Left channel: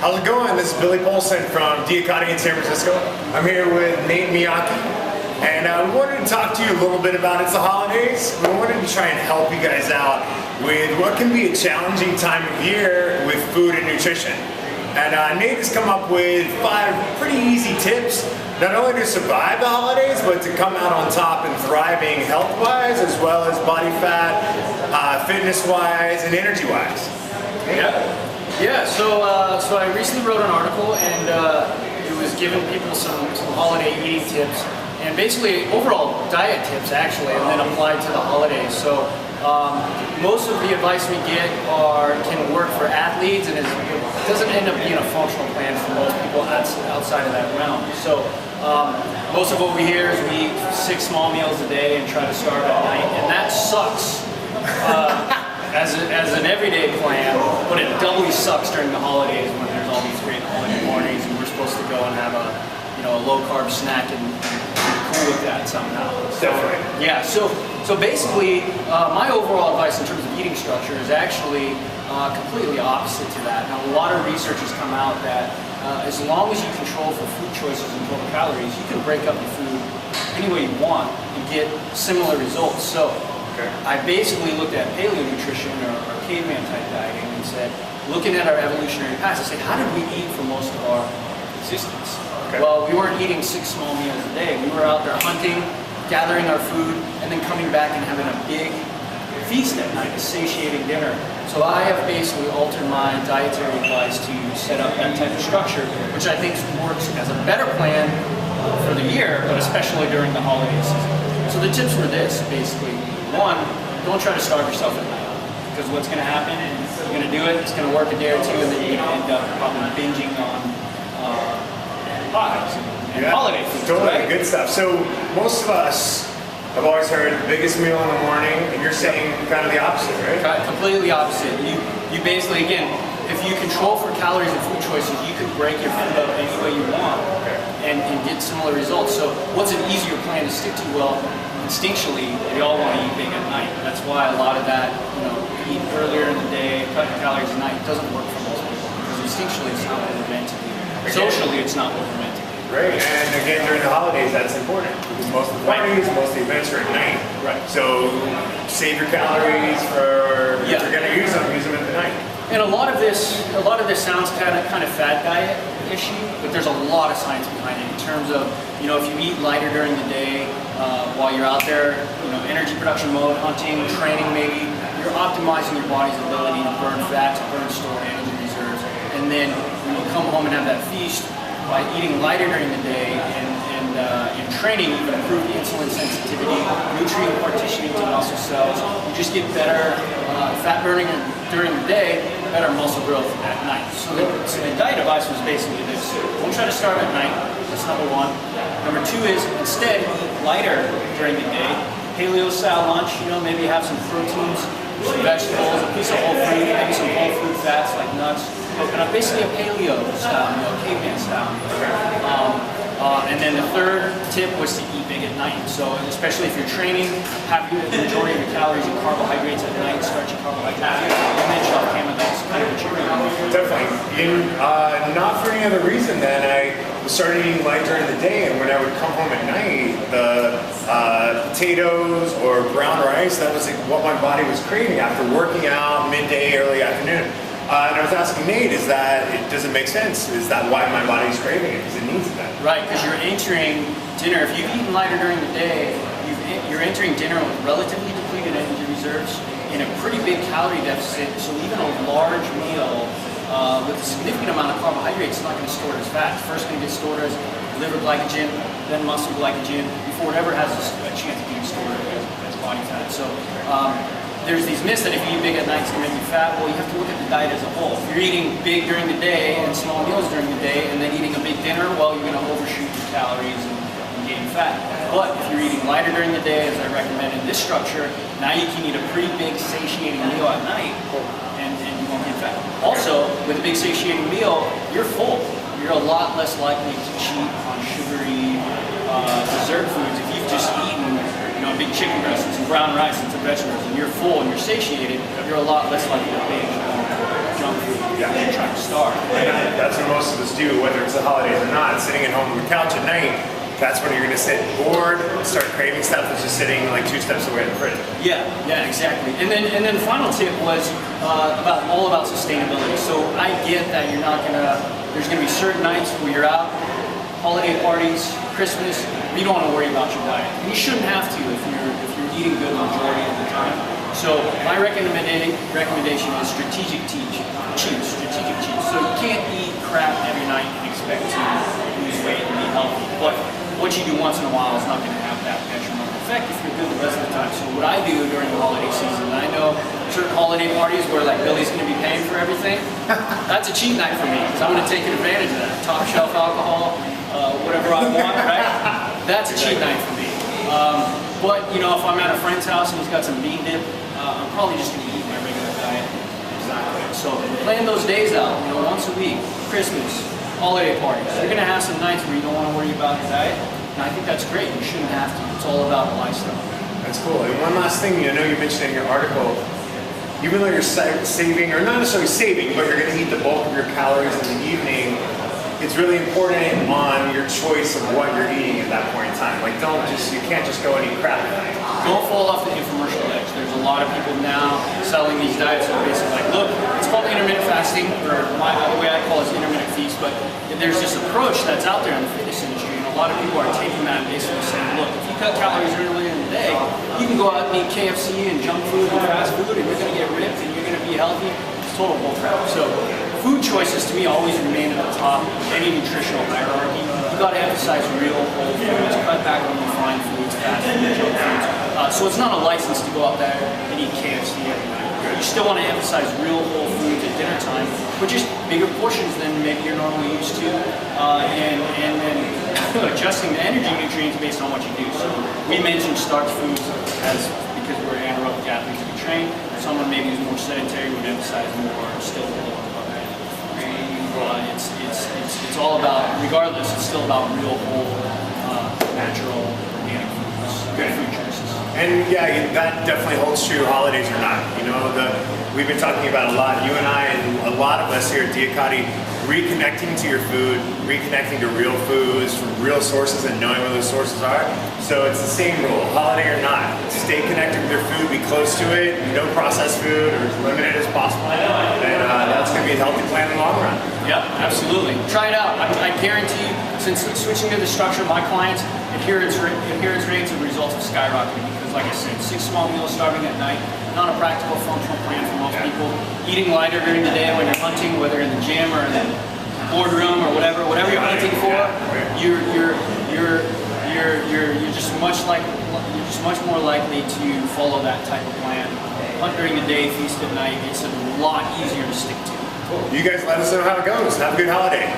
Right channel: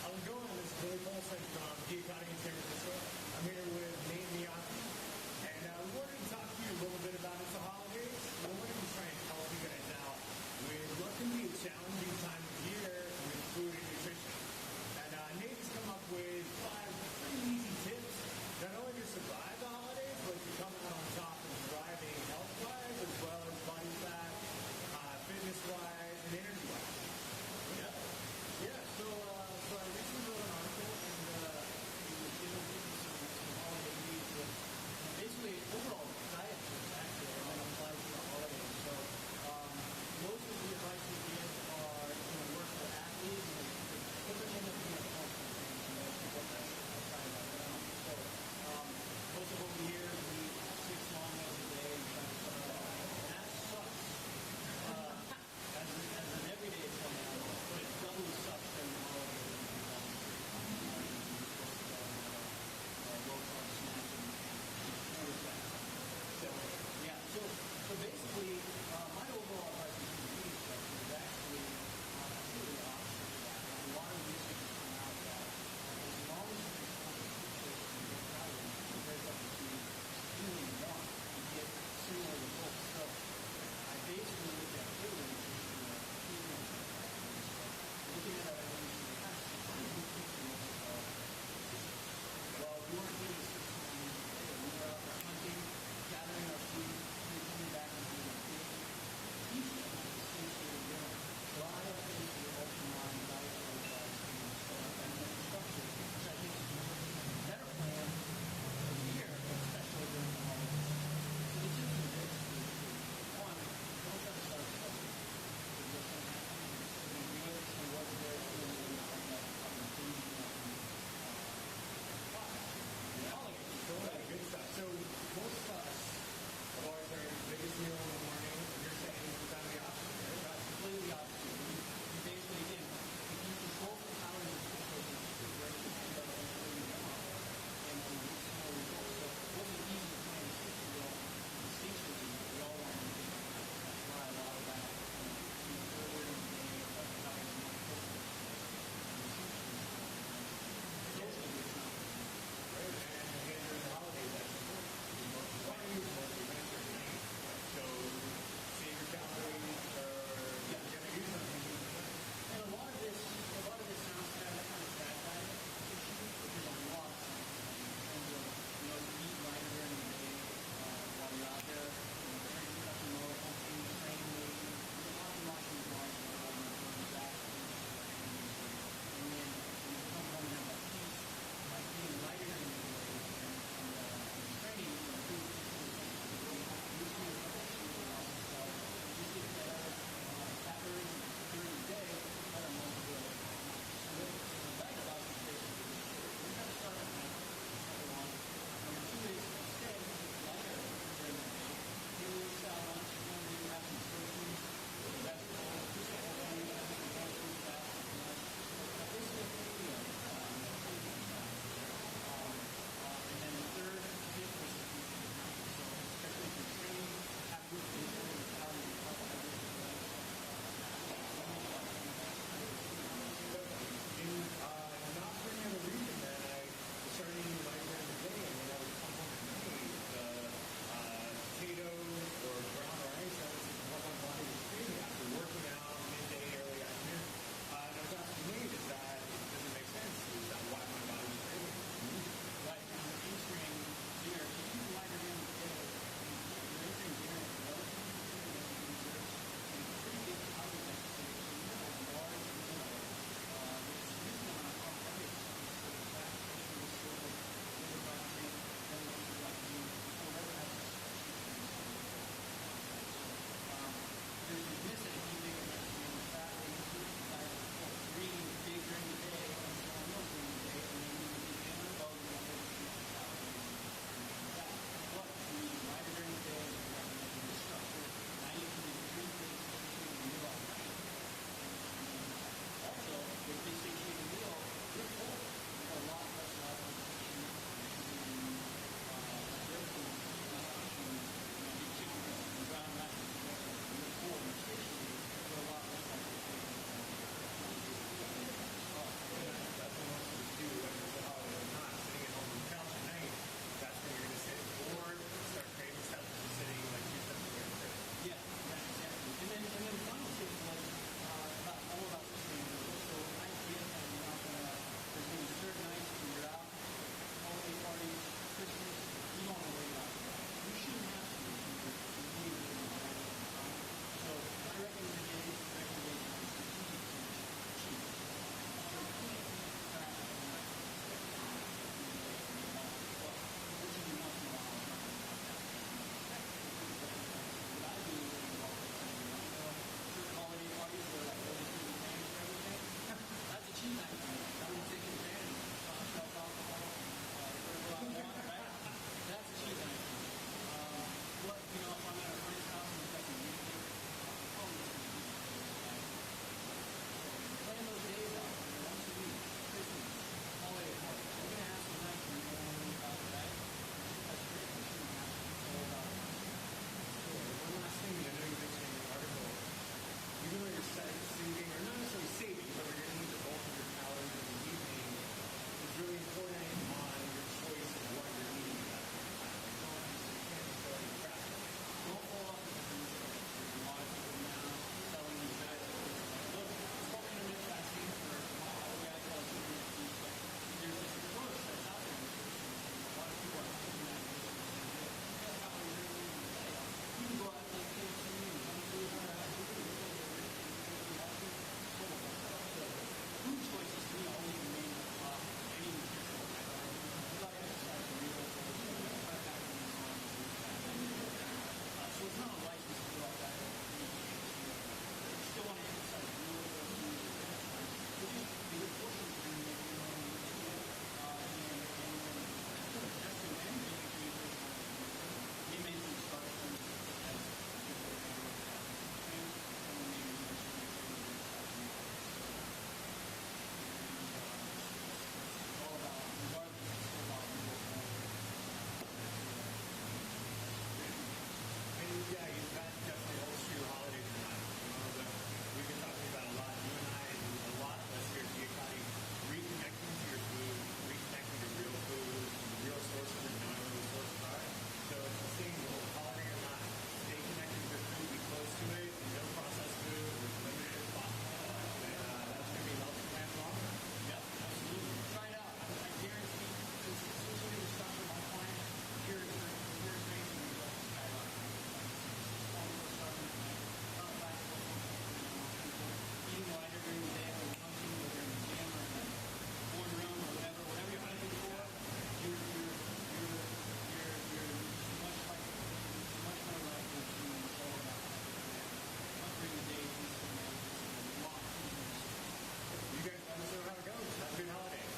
How's it going? This is Billy Polson from DIAKADI in San Francisco. I'm here with Nate Miyaki, and we wanted to talk to you a little bit about it's the holidays. We wanted to try and help you guys out with what can be a challenging time of year with food and nutrition. And Nate has come up with 5 pretty easy tips, not only to survive the holidays, but to come out on top and thriving health-wise, as well as body fat, fitness-wise, and energy-wise. Yeah. So I recently wrote an article, and it was giving people some holiday eating tips, and basically overall diet tips actually, and then applied to the holidays. So most of the advice we get can work for athletes, and it doesn't end up being a functional plan for most people outside of that realm. So most of what we hear is we eat 6 small meals a day and try to starve at night, and that sucks. As an everyday plan, but it doubly sucks during the holidays when there's all these great holiday parties and we're supposed to go and have a low carb snack and be cool with that somehow. Definitely. Yeah. So basically, my overall advice in terms of eating structure is actually completely opposite to that. Now, a lot of research has come out that as long as you control for food choices and total calories, you can break up the food any way you want and get similar results. So I basically looked at paleo nutrition or caveman type dieting and said, looking at our evolutionary past, I said, how did we eat for most of our existence? Well, we weren't eating 6 small meals a day. We were out there hunting, gathering our food, and then coming back and having a big feast at night, a satiating dinner. So I have basically altered my dietary advice to set up that type of structure, which I think works as a better plan for the year, but especially during the holiday season. So the tips were this, basically. 1, don't try to starve yourself at night, because what's going to happen is you're going to do it, it's going to work a day or 2, and then you're going to end up probably binging on pies and holiday food. Totally, right? good stuff. So most of us have always heard the biggest meal in the morning, and you're saying kind of the opposite, right? Completely opposite. You basically, again, if you control for calories and food choices, you can break your food up any way you want and get similar results. So what's an easier plan to stick to? Well, instinctually, we all want to eat big at night. That's why a lot of that, eat earlier in the day, cutting calories at night, doesn't work for most people. Because instinctually, it's not what we're meant to do. Socially, it's not what we're meant to do. Right, and again, during the holidays, that's important. Because most of the parties, most of the events are at night. Right. So save your calories for, if you're going to use them at the night. And a lot of this sounds kind of fad diet issue, but there's a lot of science behind it in terms of, if you eat lighter during the day, while you're out there, energy production mode, hunting, training maybe, you're optimizing your body's ability to burn fat, to burn stored energy reserves. And then when you come home and have that feast, by eating lighter during the day and in training, you can improve insulin sensitivity, nutrient partitioning to muscle cells. You just get better fat burning during the day, better muscle growth at night. So the diet advice was basically this. Don't try to starve at night. That's number 1. Number 2 is instead eat lighter during the day. Paleo style lunch, maybe have some proteins, some vegetables, a piece of whole food, maybe some whole food fats like nuts. Basically a paleo style meal, caveman style meal. And then the 3rd tip was to eat big at night. So especially if you're training, have the majority of your calories and carbohydrates at night, starchy carbohydrates, and then shell camera, that's kind of what you're doing. Definitely. Not for any other reason than I started eating light during the day, and when I would come home at night, the potatoes or brown rice, that was what my body was craving after working out midday, early afternoon. And I was asking Nate, does it make sense? Is that why my body's craving it? Because it needs that. Right, because you're entering dinner. If you've eaten lighter during the day, you're entering dinner with relatively depleted energy reserves in a pretty big calorie deficit. So even a large meal with a significant amount of carbohydrates is not going to store it as fat. It's first going to get stored as liver glycogen, then muscle glycogen, before it ever has a chance of being stored as body fat. So there's these myths that if you eat big at night, it's going to make you fat. Well, you have to look at the diet as a whole. If you're eating big during the day and small meals during the day, and then eating a big dinner, well, you're going to overshoot your calories and gain fat. But if you're eating lighter during the day, as I recommend in this structure, now you can eat a pretty big satiating meal at night, and you won't get fat. Also, with a big satiating meal, you're full. You're a lot less likely to cheat on sugary dessert foods if you've just eaten a big chicken breast and some brown rice and some vegetables, and you're full and you're satiated, you're a lot less likely to binge on junk food. You're trying to starve. That's most of us do, whether it's the holidays or not, sitting at home on the couch at night, that's when you're going to sit bored, start craving stuff that's just sitting like 2 steps away in the fridge. Yeah, exactly. And then the final tip was all about sustainability. So I get that you're not gonna. There's gonna be certain nights where you're out, holiday parties, Christmas. You don't want to worry about your diet. And you shouldn't have to if you're eating good the majority of the time. So my recommendation is strategic cheats. So you can't eat crap every night and expect to lose weight and be healthy. But what you do once in a while is not going to have that detrimental effect if you're good the rest of the time. So what I do during the holiday season, and I know certain holiday parties where like Billy's going to be paying for everything, that's a cheat night for me because I'm going to take advantage of that. Top shelf alcohol, whatever I want, right? That's a cheat night for me. But you know, if I'm at a friend's house and he's got some bean dip, I'm probably just going to eat my regular diet. Exactly. So plan those days out, you know, once a week, Christmas, holiday parties. You're going to have some nights where you don't want to worry about your diet, and I think that's great. You shouldn't have to. It's all about lifestyle. That's cool. And one last thing, you know, you mentioned in your article, even though you're saving, or not necessarily saving, but you're going to eat the bulk of your calories in the evening, it's really important on your choice of what you're eating at that point in time. Like, you can't just go and eat crap at night. Don't fall off the infomercial edge. There's a lot of people now selling these diets that are basically like, look, it's called intermittent fasting, or the way I call it is intermittent feast, but there's this approach that's out there in the fitness industry, and a lot of people are taking that and basically saying, look, if you cut calories early in the day, you can go out and eat KFC and junk food and fast food, and you're going to get ripped and you're going to be healthy. It's total bullcrap. So food choices to me always remain at the top of any nutritional hierarchy. You got to emphasize real whole foods, cut back on refined foods, fast food, junk foods. So it's not a license to go out there and eat KFC every night. You still want to emphasize real whole foods at dinner time, but just bigger portions than maybe you're normally used to, and then adjusting the energy nutrients based on what you do. So we mentioned starch foods because we're anaerobic athletes we train. Someone maybe who's more sedentary would emphasize more still it's all about, regardless, it's still about real whole, natural, organic foods, good food choices. And yeah, that definitely holds true, holidays or not. You know, we've been talking about a lot, you and I and a lot of us here at DIAKADI, reconnecting to your food, reconnecting to real foods from real sources and knowing where those sources are. So it's the same rule, holiday or not. Stay connected with your food, be close to it, no processed food, or as limited as possible. And that's going to be a healthy plan in the long run. Yep, absolutely. Try it out. I guarantee you, since switching to the structure, my clients' adherence rates and results have skyrocketed because, like I said, 6 small meals starving at night, not a practical functional plan for most people. Eating lighter during the day when you're hunting, whether in the gym or in the boardroom or whatever you're hunting for, you're just much more likely to follow that type of plan. Hunt during the day, feast at night. It's a lot easier to stick to. You guys let us know how it goes. Have a good holiday.